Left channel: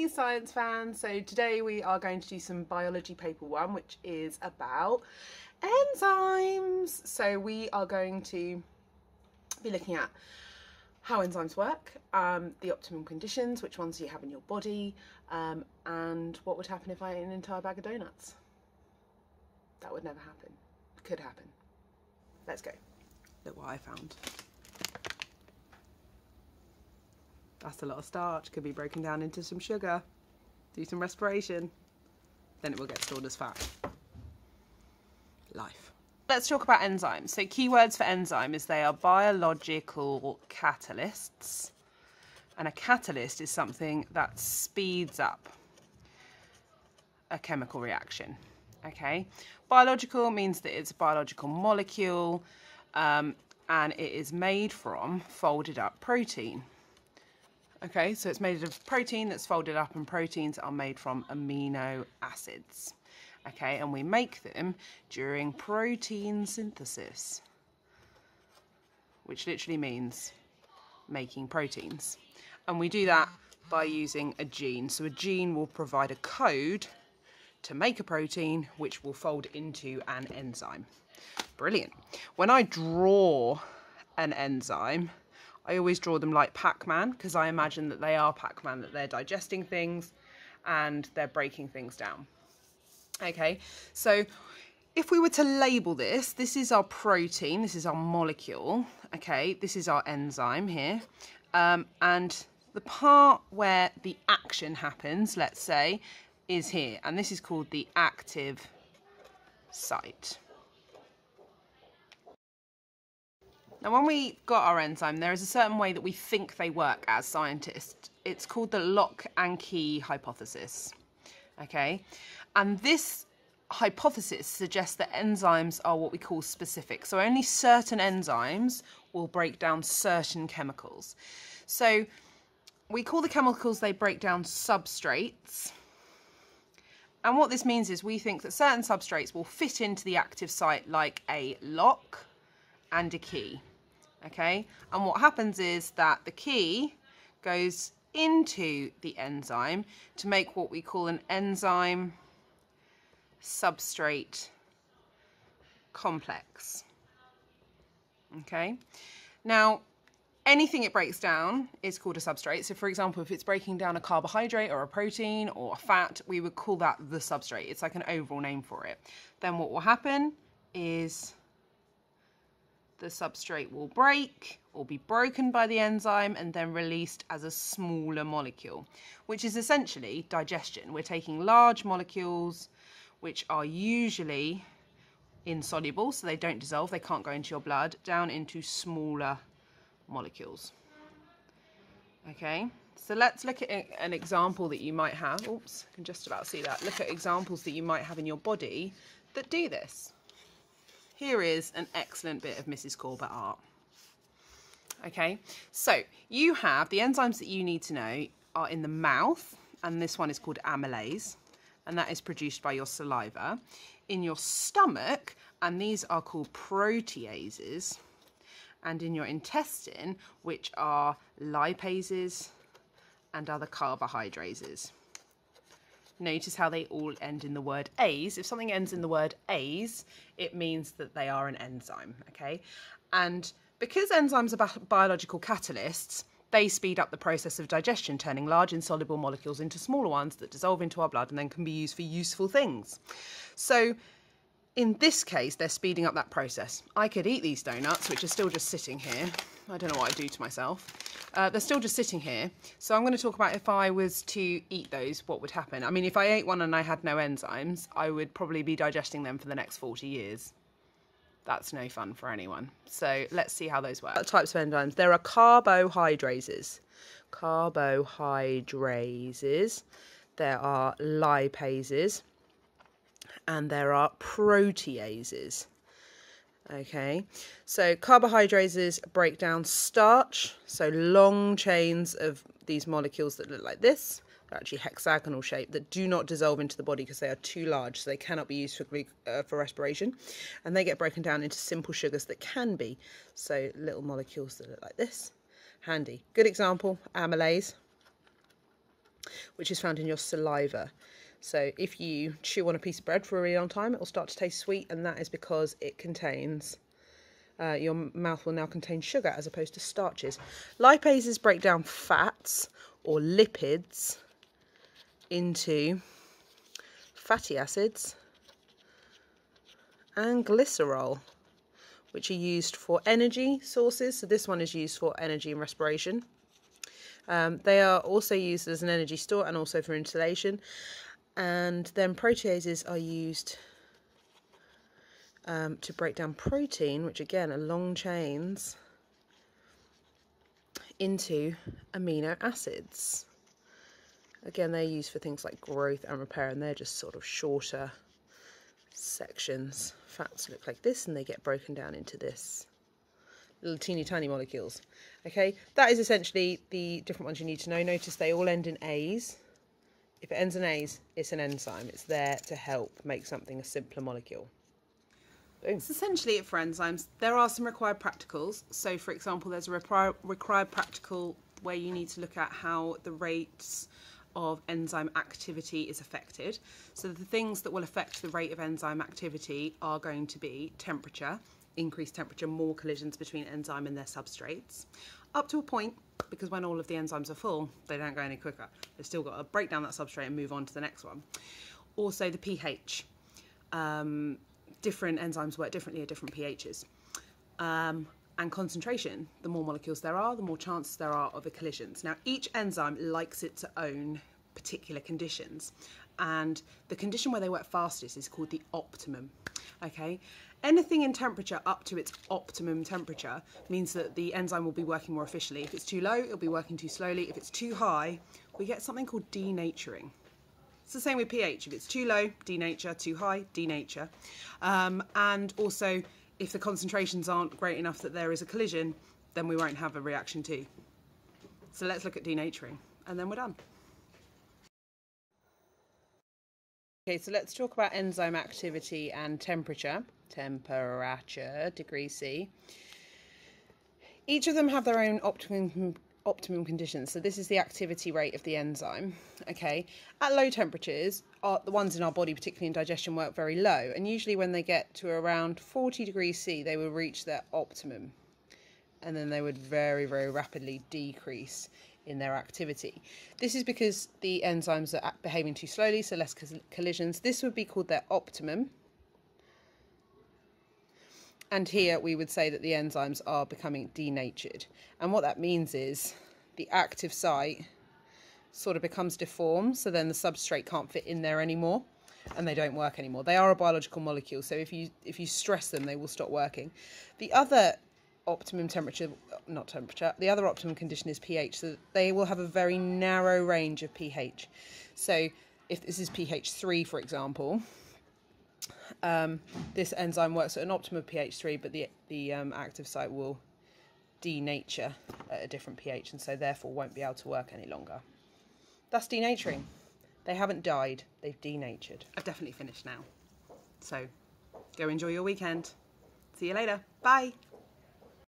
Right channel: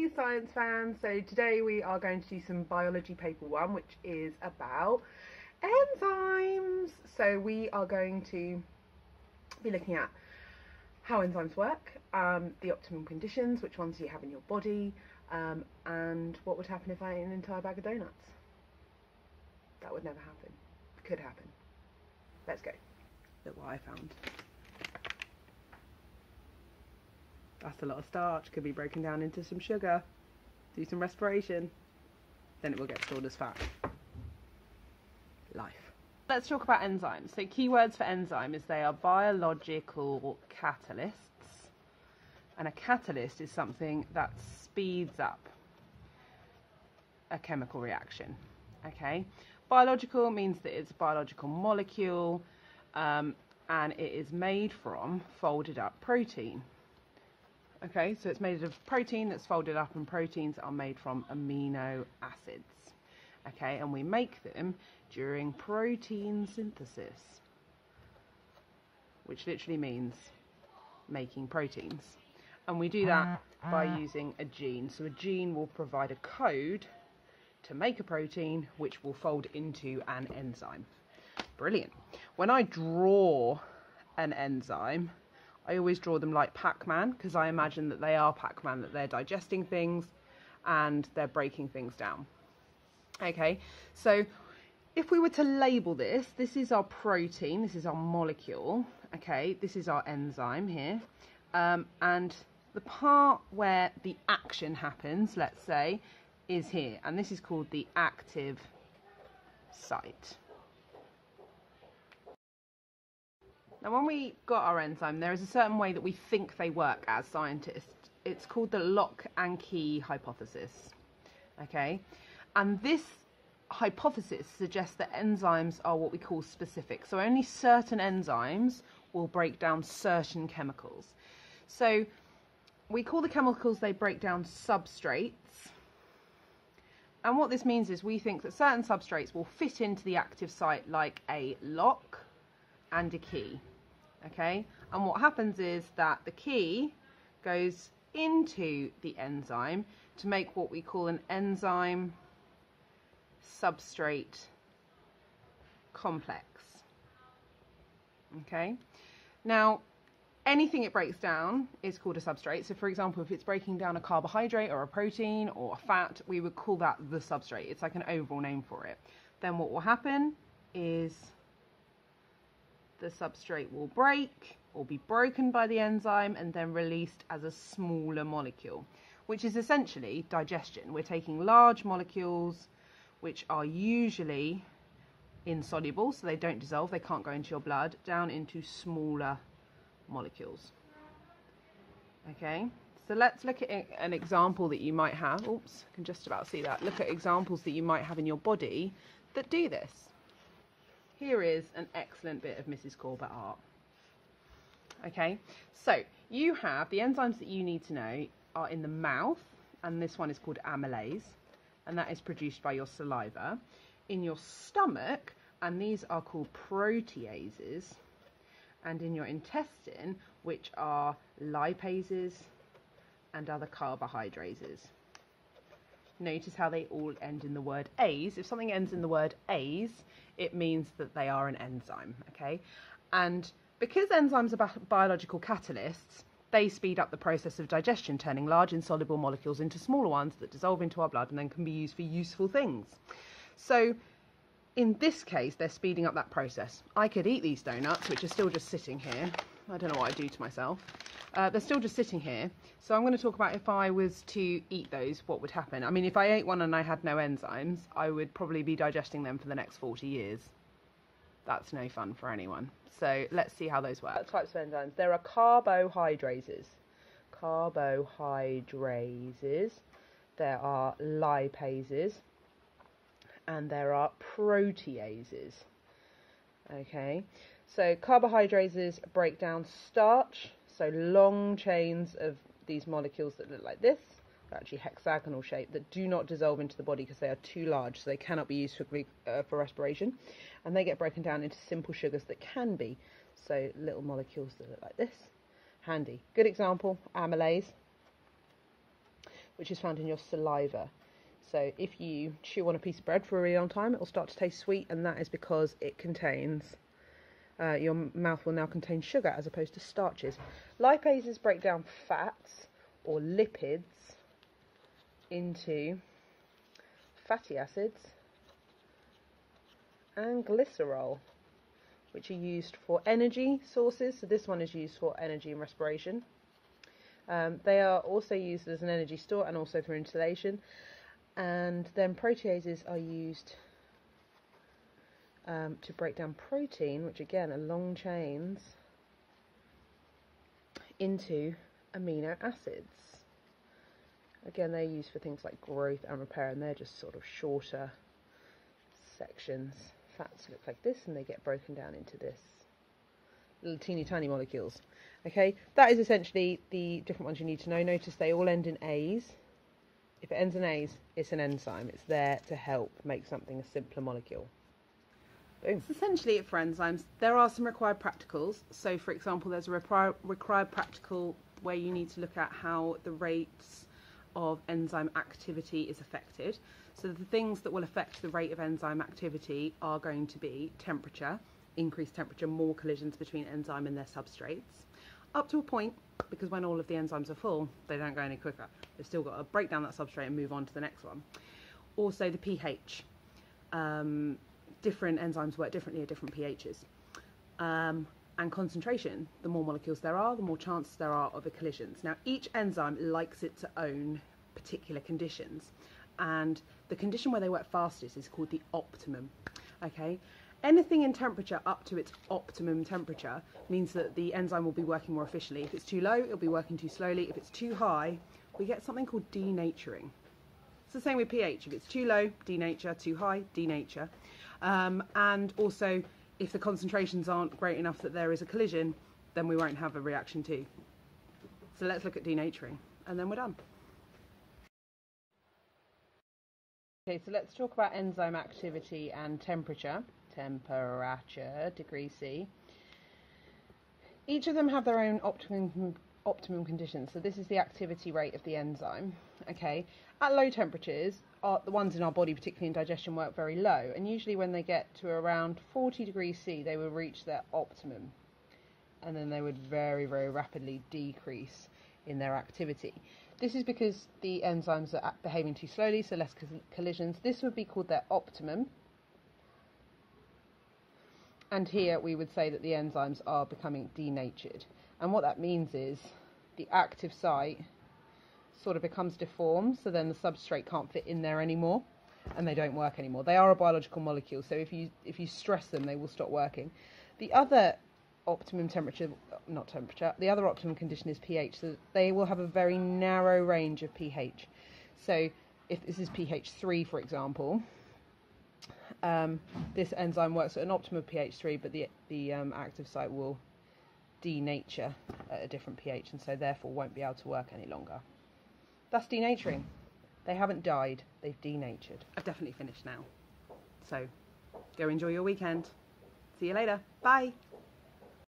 Hey science fans, so today we are going to do some biology paper 1, which is about enzymes. So we are going to be looking at how enzymes work, the optimum conditions, which ones you have in your body, and what would happen if I ate an entire bag of donuts. That would never happen. Could happen. Let's go. Look what I found. That's a lot of starch, could be broken down into some sugar. Do some respiration, then it will get stored as fat. Life. Let's talk about enzymes. So keywords for enzyme is they are biological catalysts. And a catalyst is something that speeds up a chemical reaction. Okay? Biological means that it's a biological molecule and it is made from folded up protein. Okay, so it's made of protein that's folded up, and proteins are made from amino acids. Okay, and we make them during protein synthesis, which literally means making proteins. And we do that by using a gene. So a gene will provide a code to make a protein, which will fold into an enzyme. Brilliant. When I draw an enzyme, I always draw them like Pac-Man, because I imagine that they are Pac-Man, that they're digesting things and they're breaking things down. Okay, so if we were to label this, this is our protein, this is our molecule, okay, this is our enzyme here, and the part where the action happens, let's say, is here, and this is called the active site. Now, when we got our enzyme, there is a certain way that we think they work as scientists. It's called the lock and key hypothesis. Okay, and this hypothesis suggests that enzymes are what we call specific. So only certain enzymes will break down certain chemicals. So we call the chemicals they break down substrates. And what this means is we think that certain substrates will fit into the active site like a lock and a key. Okay, and what happens is that the key goes into the enzyme to make what we call an enzyme substrate complex. Okay, now anything it breaks down is called a substrate. So for example, if it's breaking down a carbohydrate or a protein or a fat, we would call that the substrate. It's like an overall name for it. Then what will happen is the substrate will break or be broken by the enzyme and then released as a smaller molecule, which is essentially digestion. We're taking large molecules which are usually insoluble, so they don't dissolve, they can't go into your blood, down into smaller molecules. Okay, so let's look at an example that you might have. Oops, I can just about see that. Look at examples that you might have in your body that do this. Here is an excellent bit of Mrs Corbett art. Okay, so you have the enzymes that you need to know are in the mouth, and this one is called amylase, and that is produced by your saliva. In your stomach, and these are called proteases, and in your intestine, which are lipases and other carbohydrases. Notice how they all end in the word ase. If something ends in the word ase, it means that they are an enzyme, okay? And because enzymes are biological catalysts, they speed up the process of digestion, turning large insoluble molecules into smaller ones that dissolve into our blood and then can be used for useful things. So in this case, they're speeding up that process. I could eat these donuts, which are still just sitting here. I don't know what I do to myself. They're still just sitting here. So I'm going to talk about if I was to eat those, what would happen. I mean, if I ate one and I had no enzymes, I would probably be digesting them for the next 40 years. That's no fun for anyone. So let's see how those work. Types of enzymes. There are carbohydrases. Carbohydrases. There are lipases. And there are proteases. Okay, so carbohydrases break down starch, so long chains of these molecules that look like this. They're actually hexagonal shape, that do not dissolve into the body because they are too large, so they cannot be used for respiration, and they get broken down into simple sugars that can be, so little molecules that look like this. Handy. Good example, amylase. which is found in your saliva. So if you chew on a piece of bread for a really long time, it will start to taste sweet, and that is because it contains, your mouth will now contain sugar as opposed to starches. Lipases break down fats or lipids into fatty acids and glycerol, which are used for energy sources. So this one is used for energy and respiration. They are also used as an energy store and also for insulation. And then proteases are used to break down protein, which again are long chains, into amino acids. Again, they're used for things like growth and repair, and they're just sort of shorter sections. Fats look like this, and they get broken down into this. Little teeny tiny molecules. Okay, that is essentially the different ones you need to know. Notice they all end in A's. If it ends in A's, it's an enzyme. It's there to help make something a simpler molecule. Boom. That's essentially it for enzymes. There are some required practicals. So, for example, there's a required practical where you need to look at how the rates of enzyme activity is affected. So the things that will affect the rate of enzyme activity are going to be temperature, increased temperature, more collisions between enzyme and their substrates, up to a point, because when all of the enzymes are full, they don't go any quicker. They've still got to break down that substrate and move on to the next one. Also the pH. Different enzymes work differently at different pHs. And concentration. The more molecules there are, the more chances there are of a collisions. Now, each enzyme likes its own particular conditions, and the condition where they work fastest is called the optimum. Okay, anything in temperature up to its optimum temperature means that the enzyme will be working more efficiently. If it's too low, it'll be working too slowly. If it's too high, we get something called denaturing. It's the same with pH. If it's too low, denature; too high, denature. And also, if the concentrations aren't great enough that there is a collision, then we won't have a reaction too. So let's look at denaturing, and then we're done. Okay, so let's talk about enzyme activity and temperature. Temperature, degrees C. Each of them have their own optimum conditions. So this is the activity rate of the enzyme. Okay, at low temperatures, the ones in our body, particularly in digestion, work very low, and usually when they get to around 40 degrees C, they will reach their optimum, and then they would very, very rapidly decrease in their activity. This is because the enzymes are behaving too slowly, so less collisions. This would be called their optimum, and here we would say that the enzymes are becoming denatured. And what that means is the active site sort of becomes deformed, so then the substrate can't fit in there anymore, and they don't work anymore. They are a biological molecule, so if you stress them, they will stop working. The other optimum the other optimum condition is pH, so they will have a very narrow range of pH. So if this is pH 3, for example, this enzyme works at an optimum pH 3, but the active site will denature at a different pH, and so therefore won't be able to work any longer. That's denaturing. They haven't died, they've denatured. I've definitely finished now. So go enjoy your weekend. See you later. Bye.